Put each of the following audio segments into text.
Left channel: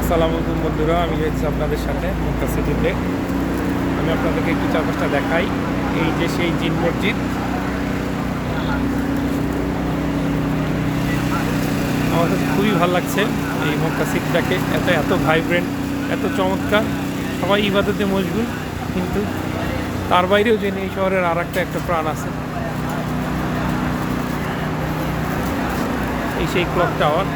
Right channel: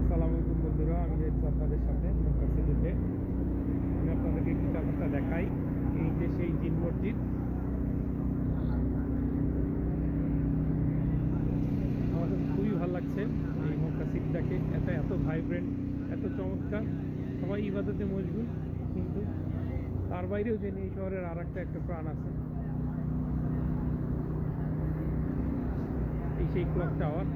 আসসালামু আলাইকুম বন্ধুরা, আমি রয়েছি আপনাদের সাথে মক্কা সিটিতে। আমি আপনাদেরকে একটু চারপাশটা দেখাই। এই যে সেই জিন মসজিদ, আমার কাছে খুবই ভালো লাগছে এই মক্কা সিটিটাকে। এত ভাইব্রেন্ট, এত চমৎকার, সবাই ইবাদতে মশগুল, কিন্তু তার বাইরেও যে এই শহরের আর একটা প্রাণ আছে। এই সেই ক্লক টাওয়ার,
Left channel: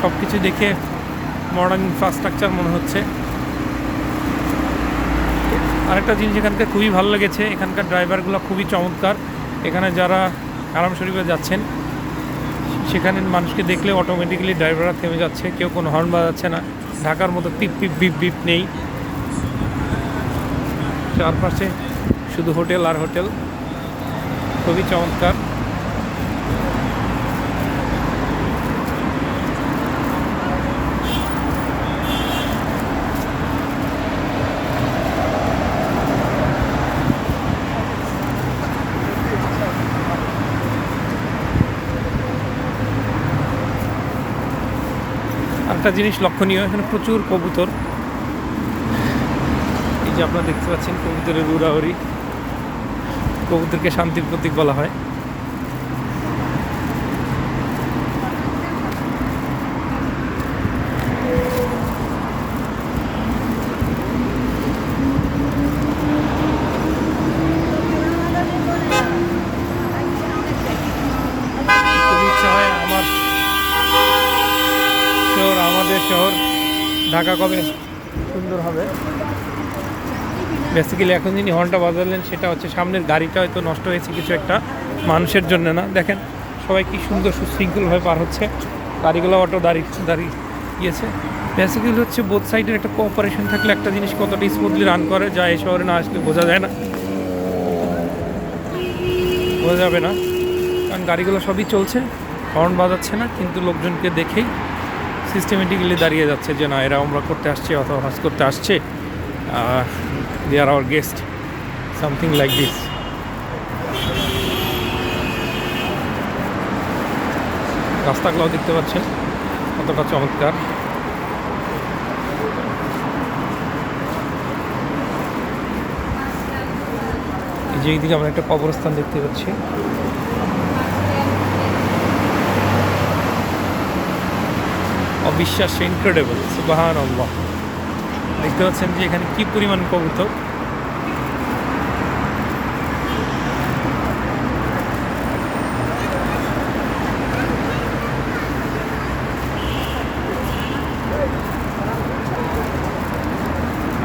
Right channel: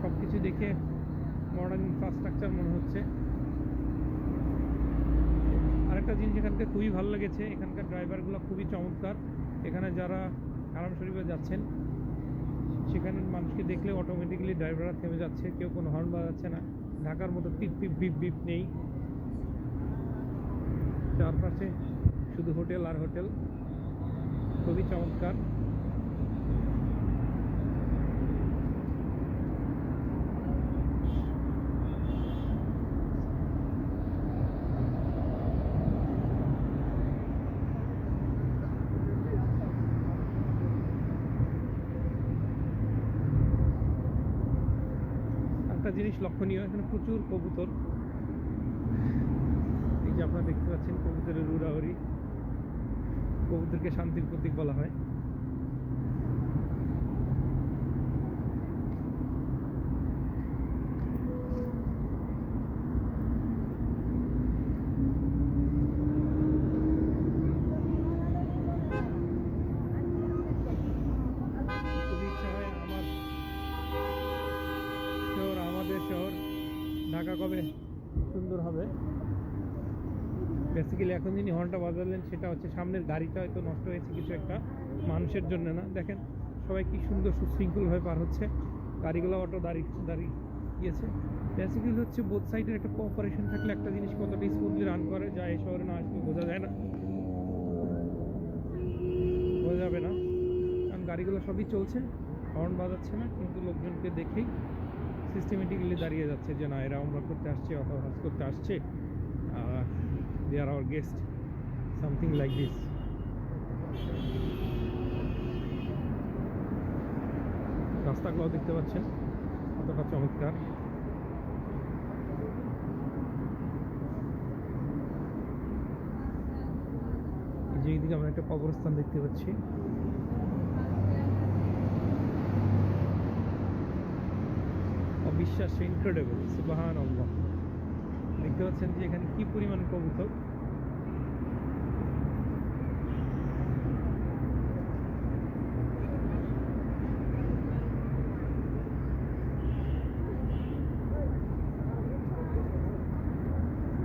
সব কিছু দেখে মডার্ন ইনফ্রাস্ট্রাকচার মনে হচ্ছে। আরেকটা জিনিস এখানকার খুবই ভালো লেগেছে, এখানকার ড্রাইভারগুলো খুবই চমৎকার। এখানে যারা হারাম শরীফে যাচ্ছেন, সেখানে মানুষকে দেখলে অটোমেটিক্যালি ড্রাইভাররা থেমে যাচ্ছে, কেউ কোনো হর্ন বাজাচ্ছে না। ঢাকার মতো পিপ পিপ বিপ বিপ নেই, চারপাশে শুধু হোটেল আর হোটেল, খুবই চমৎকার। একটা জিনিস লক্ষণীয়, এখানে প্রচুর কবুতর। এই যে আপনারা দেখতে পাচ্ছেন কবুতরের উড়াউড়ি। কবুতরকে শান্তির প্রতীক বলা হয়। খুবই ইচ্ছা হয় আমাদের শহর ঢাকা কবে সুন্দর হবে। বেসিক্যালি এখন যিনি হর্নটা বাজালেন, সেটা হচ্ছে সামনের গাড়িটা হয়তো নষ্ট হয়েছে কিছু একটা, মানুষের জন্য না। দেখেন সবাই কি সুন্দর সুশৃঙ্খলভাবে পার হচ্ছে, গাড়িগুলো অটো দাঁড়িয়েছে। বেসিক্যালি হচ্ছে বোথ সাইডের একটা কোঅপারেশন থাকলে একটা জিনিস কতটা স্মুথলি রান করে, যা এই শহরে না আসলে বোঝা যায় না, বোঝা যাবে না। কারণ গাড়িগুলো সবই চলছে, হর্ন বাজাচ্ছে না, কিন্তু লোকজনকে দেখেই সিস্টেমেটিক্যালি দাঁড়িয়ে যাচ্ছে যে না, এরা উমরা করতে আসছে অথবা হজ করতে আসছে, they are our guest, something like this. রাস্তাগুলো দেখতে পাচ্ছেন কতটা চমৎকার। এই যে এইদিকে আমরা একটা কবরস্থান দেখতে পাচ্ছি। অবিশ্বাস্য, ইনক্রেডিবল, সুবহানাল্লাহ। দেখতে পাচ্ছেন যে এখানে কি পরিমাণ কবুতর।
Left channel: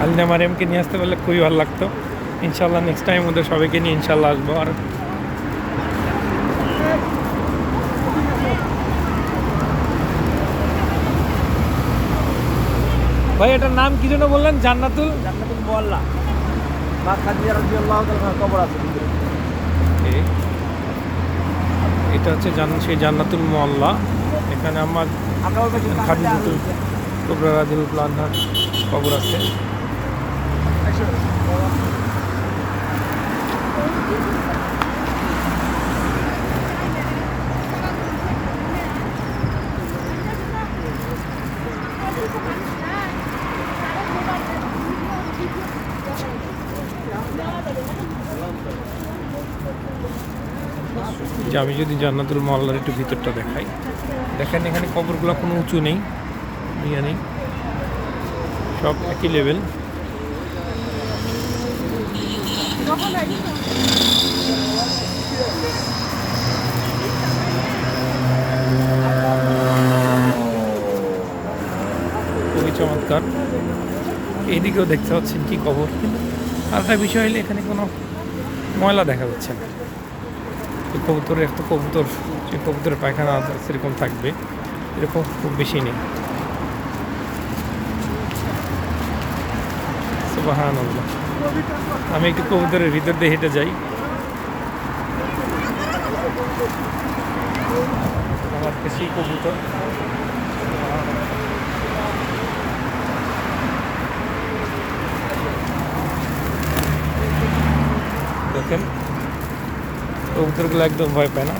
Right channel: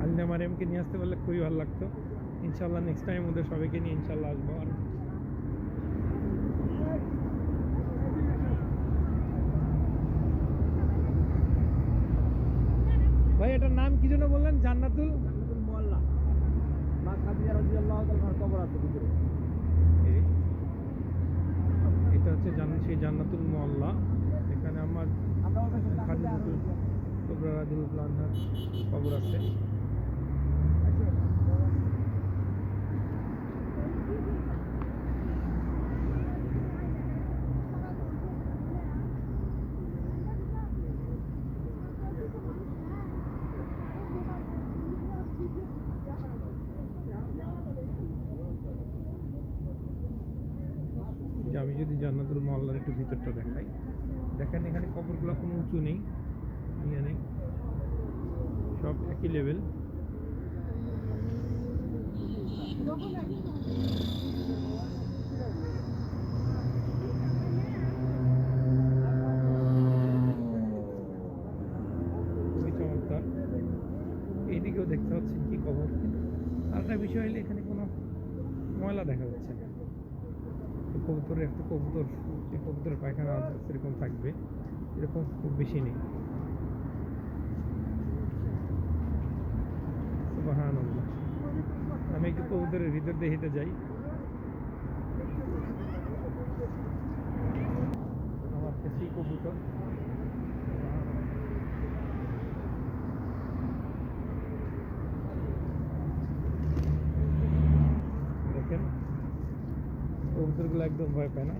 আলিনা মারিয়ামকে নিয়ে আসতে পারলে খুবই ভালো লাগতো। ইনশাল্লাহ নেক্সট টাইম ওদের সবাইকে নিয়ে ইনশাল্লাহ আসবো। আর ভাই, এটার নাম কি যেন বললেন? জান্নাতুল মোয়াল্লা মা খাদিজা রাদিয়াল্লাহু তাআলার কবর আছে ভিতরে। এটা হচ্ছে সেই জান্নাতুল মোয়াল্লা। এখানে আমরা খাদিজাতুল কুবরা রাদিয়াল্লাহু আনহার কবর আছে। যে আমি যদি জান্নাতুল মোয়াল্লার একটু ভিতরটা দেখাই, দেখেন এখানে কবরগুলো কোনো উঁচু নেই, ইয়ে নেই, সব একই লেভেল। খুবই চমৎকার। এইদিকেও দেখতে পাচ্ছেন কি কবর। আর একটা বিষয় হলে এখানে কোনো ময়লা দেখা যাচ্ছে না। কবুতরের একটা কবুতর, যে কবুতরের পায়খানা সেরকম থাকবে, এরকম খুব বেশি নেই। সুবহানাল্লাহ। আমি একটু কবুতরের ভিতর দিয়ে হেঁটে যাই। আমার বেশি কবুতর। দেখেন কবুতরগুলো একদম ভয় পায় না।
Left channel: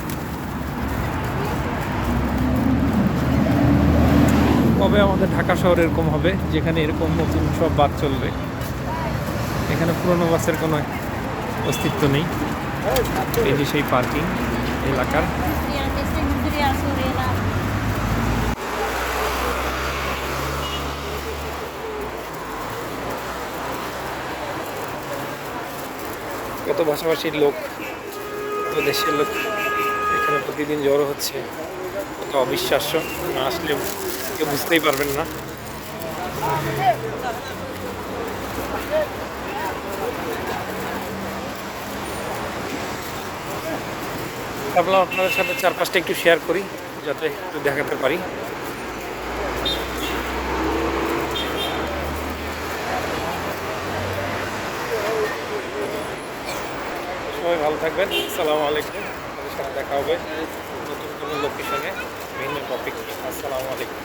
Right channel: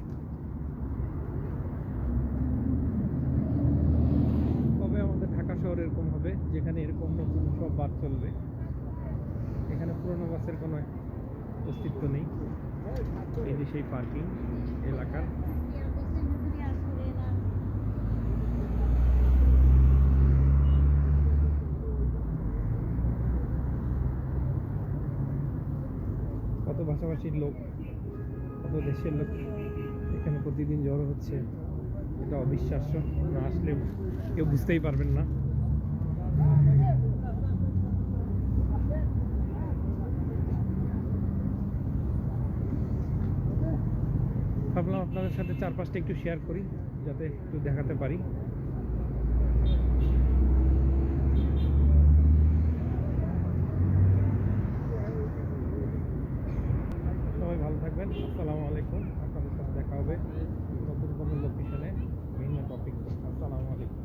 কবে আমাদের ঢাকা শহরে এরকম হবে যেখানে এরকম নতুন সব বাস চলবে? এখানে পুরনো বাসের কোনো অস্তিত্ব নেই। এই যে সেই পার্কিং এলাকার। কত ভাষাভাষীর লোক, কত দেশের লোক এখানে প্রতিদিন জড়ো হচ্ছে, কত অবিশ্বাস্য, না আসলে কেউ বুঝতেই পারবেন না। ভাবলাম আপনাদের সাথে চারপাশটা একটু শেয়ার করি যাতে একটু দেখাতে পারি। সবাই ভালো থাকবেন। আসসালামু আলাইকুম। আপনাদের সাথে দেখা হবে নতুন কোনো লোকেশনে, ভিন্ন টপিক। আসসালামু আলাইকুম।